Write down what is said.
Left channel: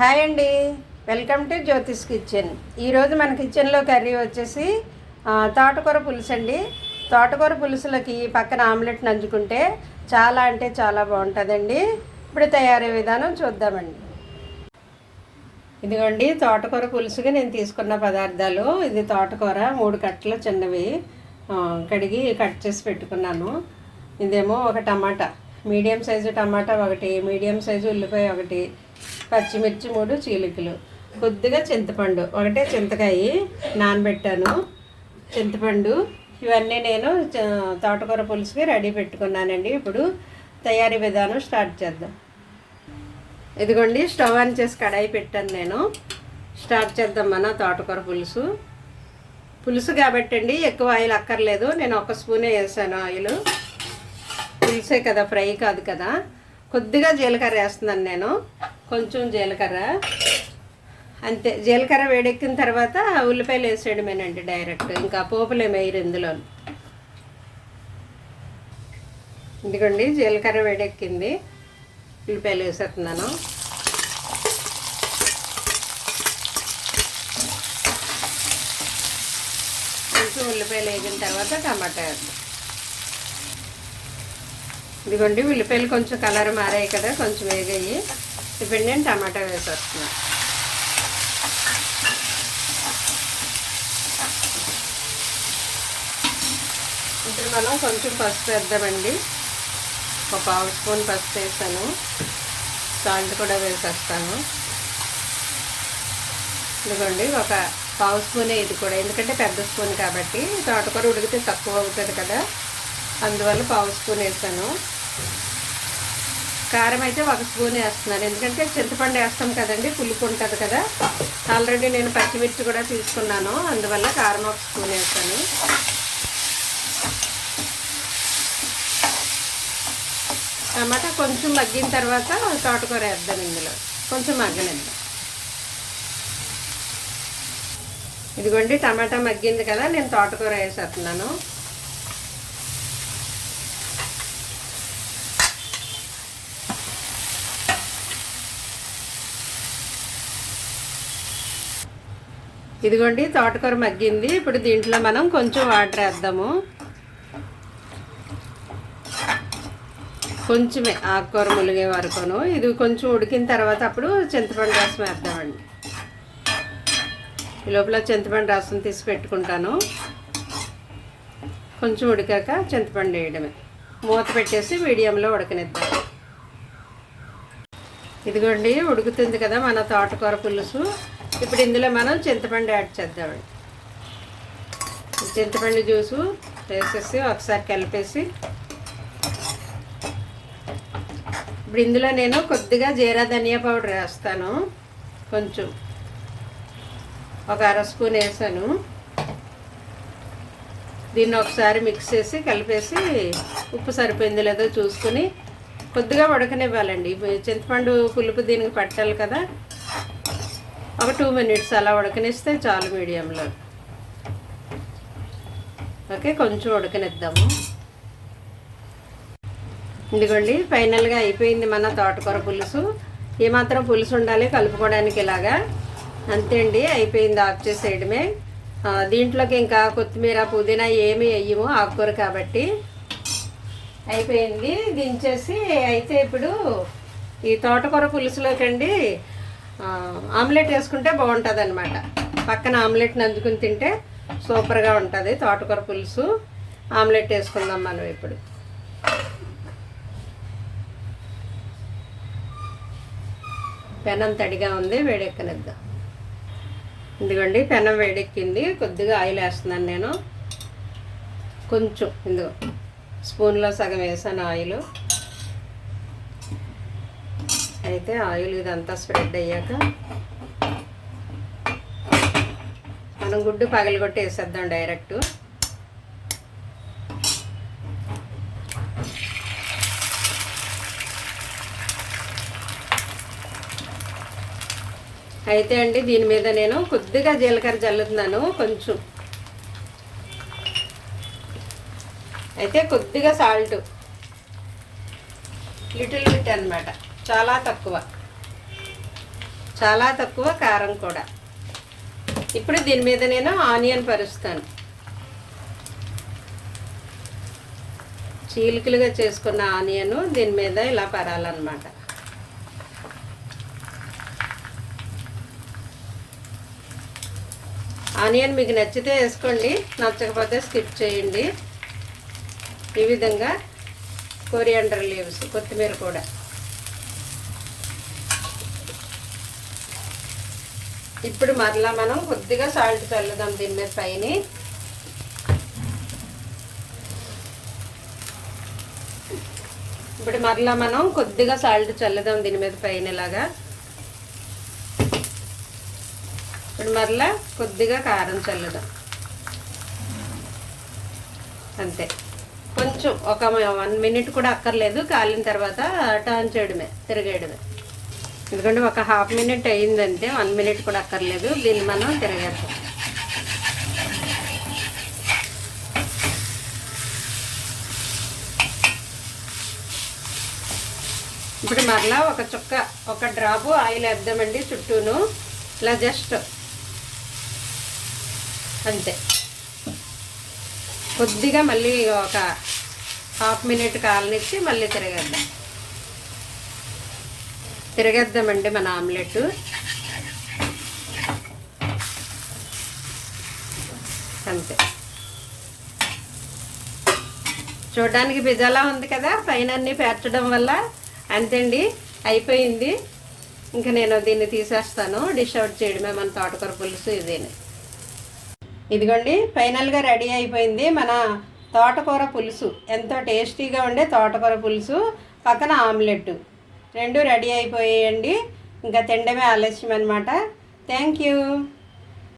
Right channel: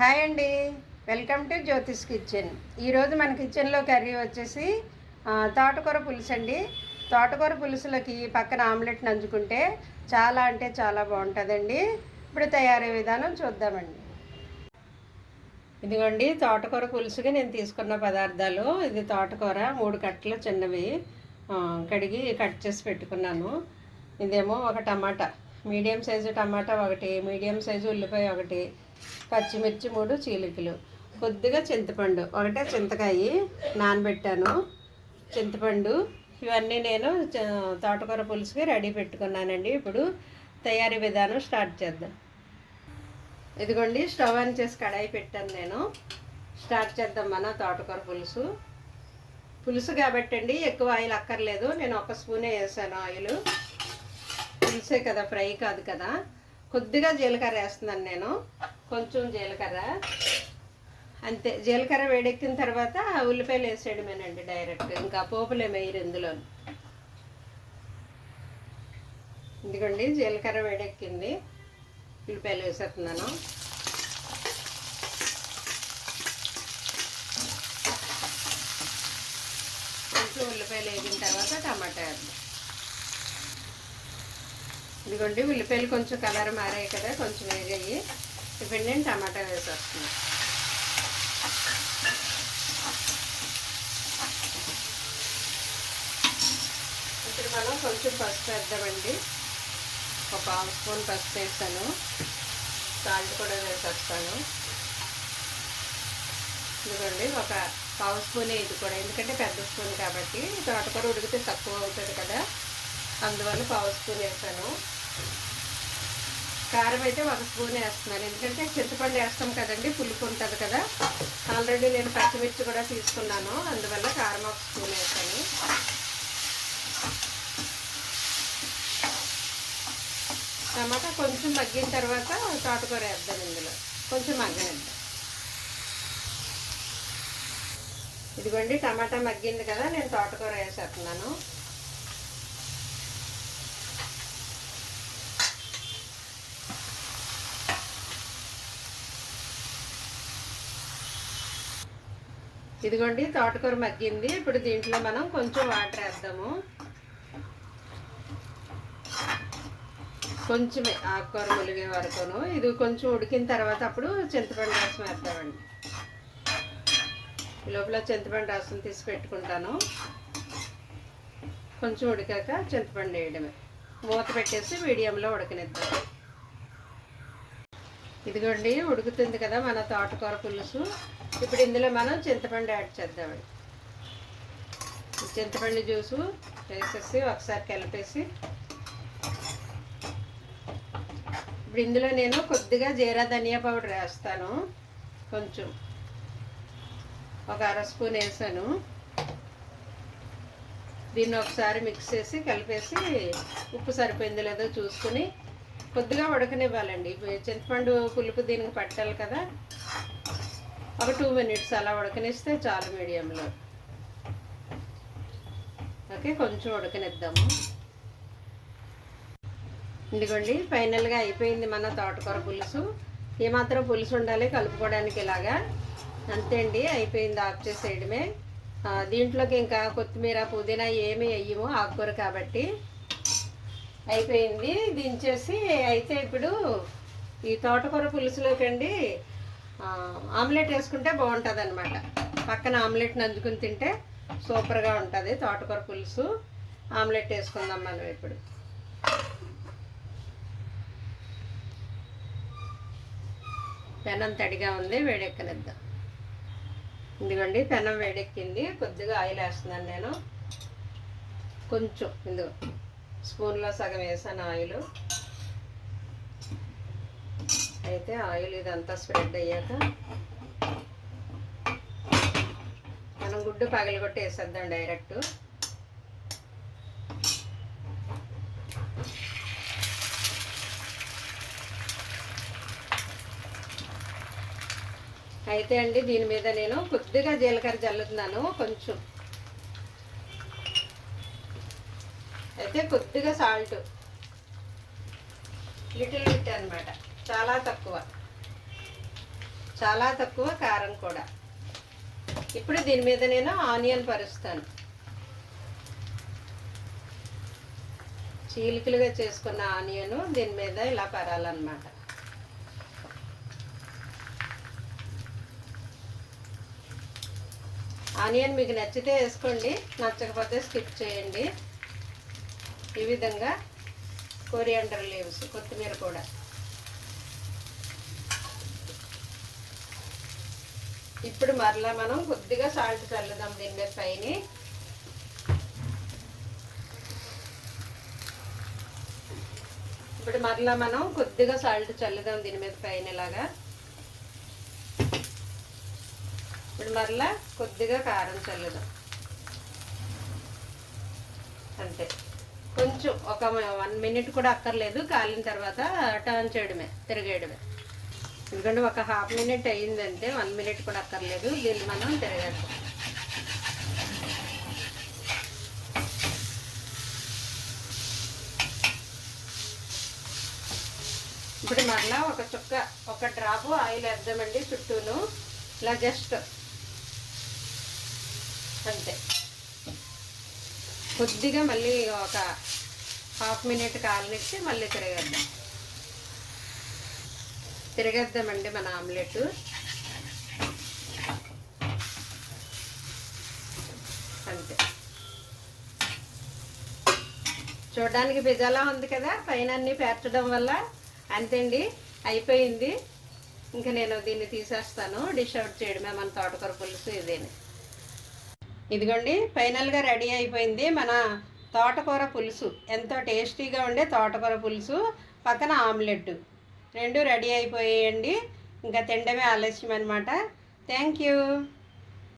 Hi అండి. Welcome to Jyotish kitchen. ఈరోజు మన కిచెన్లో కర్రీ వచ్చేసి తోటకూర పులుసు అండి. తోటకూర పులుసులకి పక్కన ఆమ్లెట్ నంచుకుంటే చాలా అంటే చాలా బాగుంటుందండి. ఇప్పుడు తయారీ విధానం చూద్దామండి. ఇదిగోండి తోటకూర పులుసుగా నేను తీసుకున్న పదార్థాలు. ఇది తోటకూర మూడు కట్టలు చిన్నవి కడిగి కట్ చేసి పెట్టుకున్నాను. ఇదేమో ఒక టమాటా. మీడియం సైజు టమాటా ఒకటి మీడియం సైజు ఉల్లిపాయ ఒకటి పచ్చిమిర్చి మూడు చీలికలు. కొద్దిగా చింతపండు. ఒకటే చింతకాయ నానబెట్టాను. చింతపండు ఇవన్నీ నేను తోటకూర పులుసుకి రెడీ పెట్టుకున్నానండి. ఇప్పుడు తయారీ విధానం స్టార్ట్ చేద్దాం. ఇదిగోండి స్టవ్ ఆన్ చేసి కడాయి పెట్టాను నేను. స్టార్ట్ చేద్దాం మన తోటకూర పులుసు. పులుసు కాబట్టి అండి ఎక్కువ ఆయిల్ అక్కర్లేదు. నేను ఒక స్పూనే వేసాను ఆయిల్. పులుసే కదా ఫ్రై కాదు కదా. కొద్దిగా జీలకర్ర వేస్తున్నాను నేను. కొంచెం జీలకర్ర. అంతే జీలకర్ర వేడెక్కిన తర్వాత ఉల్లిపాయలు వేసేయడమేనండి డైరెక్ట్. ఇంకా పోపులు వేయరు ఇందులో. ఇదిగోండి జీలకర్ర వేడెక్కింది. ఉల్లిపాయలు వేసేస్తున్నాను. కొంచెం ఉల్లిపాయలు వేసిన తర్వాత టమాటా వేద్దాం. ఇదిగోండి ఉల్లిపాయలు కొంచెం కలర్ మారాయి కదా కొంచెం వేగాయి. ఇప్పుడు నేను టమాటా వేసేస్తున్నాను ఇప్పుడు మనం కొంచెం పసుపు వేద్దామండి. ఒక పావు స్పూన్ పసుపు వేస్తాను సాల్ట్ కూడా వేసేస్తాను. ఇదిగోండి ఒక పావు స్పూనే ఇది కూడా. ఎందుకంటే పెద్ద స్పూన్ కాబట్టి తోటకూర ఉడికితే తక్కువ అవుతుంది కదా. అందువల్ల పావు స్పూన్ వేసాను. కారం అయితే ఒక స్పూన్ వేస్తున్నాను. ఎందుకంటే చింతపండు వేస్తాం కదండి పులుపు ఉంటుంది కదా. ఆల్రెడీ నేను పచ్చిమిర్చి కూడా తీసుకున్నాను. అందువల్ల కారం ఒక స్పూన్ వేస్తాను టమాటా కొంచెం మగ్గిన తర్వాత తోటకూర వేద్దాం ఇందులో. కొంచెం మగ్గనిద్దాం ఇదిగోండి టమాటా మగ్గింది కదా నేను తోటకూర వేసేస్తున్నాను. ఇదిగోండి తోటకూర మగ్గింది. ఇప్పుడు దీంట్లో మనం కొంచెం వాటర్ వేద్దాము. కొంచెమే ఆకుకూర ములిగే వరకును. ఇది కొంచెం ఉడికిన తర్వాత అప్పుడు చింతపండు రసం వేద్దామండి. ఈ లోపల చింతపండు రసం తీసి పెట్టుకుంటాను. కొంచెం ఉడికాక చింతపండు వేయడమే. మూత పెట్టేసి మీడియంలో ఉడకనిద్దాం. ఇదిగోండి ఉడుకుతుంది కదా మన తోటకూర పులుసు. ఇప్పుడు ఇందులో మనం చింతపండు యాడ్ చేద్దామండి చింతపండు జ్యూసు వేసేసి ఒకసారి కలిపేసి. ఇప్పుడు ఇందులో నేను కొద్దిగా జీరా ధనియా పౌడర్ వేస్తాను. కొంచెం ఒక అర స్పూన్ వేసాను. దీన్ని ఒకసారి మిక్స్ చేసి కలిపేసి ఉప్పు సరిపోయింది లేదో చూసుకొని కొద్దిగా ఉడకనివ్వాలండి. చింతపండు పులుపు దీనికి పట్టాలి కదా. ఒక టూ మినిట్స్ అలా ఉడకనిస్తే చాలు మీడియంలో. ఓకే కొంచెం ఉడకనిద్దాము. ఇదిగోండి ఫైనల్గా అయిపోయింది మన తోటకూర పులుసు. ఏమాత్రం పులుసు ఉండాలి కలుపుకోవడానికి ఇలాగా. అంతే అండి అయిపోయింది ఆఫ్ చేసేయడమే. దీంట్లోకి ఇంకా కొత్తిమీర పుదీనా ఏమి వేయము ఆకుకూర కాబట్టి. అయిపోయింది దించేసి అయితే ఇప్పుడు ఈ తోటకూర పులుసులోకి అండి ఆమ్లెట్ వేసుకుంటే బాగుంటుంది అనమాట పక్కన ఆమ్లెట్ నంచుకుని తింటే సూపర్గా ఉంటుంది. తోటకూర పులుసు ఆమ్లెట్ వేసుకుందాం మనం ఇప్పుడు. పెనం తడిగా ఉంది వేడెక్కనిద్దాం. ఇదిగోండి పెనం వేడెక్కింది. కొద్దిగా ఆయిల్ వేస్తున్నాను నేను. కొంచెం ఇందులో స్పూన్లో సగం వేసాను ఆయిల్. అయితే ఆయిల్ ఇదంతా స్ప్రెడ్ అయ్యాక మనం గుడ్డు పగలగొట్టి వేసేద్దాం డైరెక్ట్. అయితే అండి దీని మీద నేను కొద్దిగా జీలకర్ర చల్లుతున్నాను కొంచెం. అయితే కొద్దిగా సాల్ట్. లిటిల్ బిట్ అన్నమాట. చాలా తక్కువ. చాలా తక్కువ కారం కూడా. ఇప్పుడు దీని మీద నేను ఆనియన్ పరుస్తాను. చీలికలుగా చేసుకున్న ఆనియన్ దీని మీద ఇలా పరాలన్నమాట. ఆనియన్ మీకు నచ్చితే వేసుకోండి నచ్చకపోతే స్కిప్ చేయండి. ఈ విధంగా కొరియాండర్ లీవ్స్ కొత్తిమీర కూడా. ఇప్పుడు మరలా మనం కొద్దిగా సాల్ట్ చల్లుదాం దీని మీద పైన ఇప్పుడు మరలా మనం కొద్దిగా సాల్ట్ చల్లుదాం దీని మీద పైన ఇలాగా. ఇప్పుడు మరలా కొద్దిగా కారం చల్లుదాం. అంతే. కొంచెం ఒక వన్ మినిట్ కూడా అక్కర్లేదు. కాలిన తర్వాత టర్న్ చేయడమే తిరగేయడమే. ఎందుకంటే ఒక హాఫ్ మినిట్ అయిందంటే వన్ మినిట్ కూడా అక్కర్లేదు. దీన్ని మనం తిరగేద్దాం. ఇప్పుడు మరలా ఒక చుక్క ఒక డ్రాపు ఆయిల్ వేద్దామండి చుట్టూను. ఇలా జస్ట్ అంతే. కొద్దిగా మళ్ళీ ఒక హాఫ్ మినిట్ కాలనిచ్చి మళ్ళీ తిరగేద్దాం. తిరగేద్దామండి మన ఆమ్లెట్. అంతే. చూడడానికి పిజ్జాలా ఉంది కదా పైన అన్నీ పేర్చడం వల్ల అంతేండి అయిపోయింది. ఇంకా నేను దీన్ని తీసేస్తాను డిష్ అవుట్ చేయడమే మన తోటకూర పులుసు ఇదేని. ఇదిగోండి ఫైనల్గా రెడీ అయిపోయింది మన తోటకూర పులుసు. ఎంతో టేస్టీగా ఉండే తోటకూర పులుసు పక్కన ఆమ్లెట్ రెండు రెడీ అయిపోయాయండి. ఇంకా తినడమే ఆలస్యం అనమాట థ్యాంక్ యూ.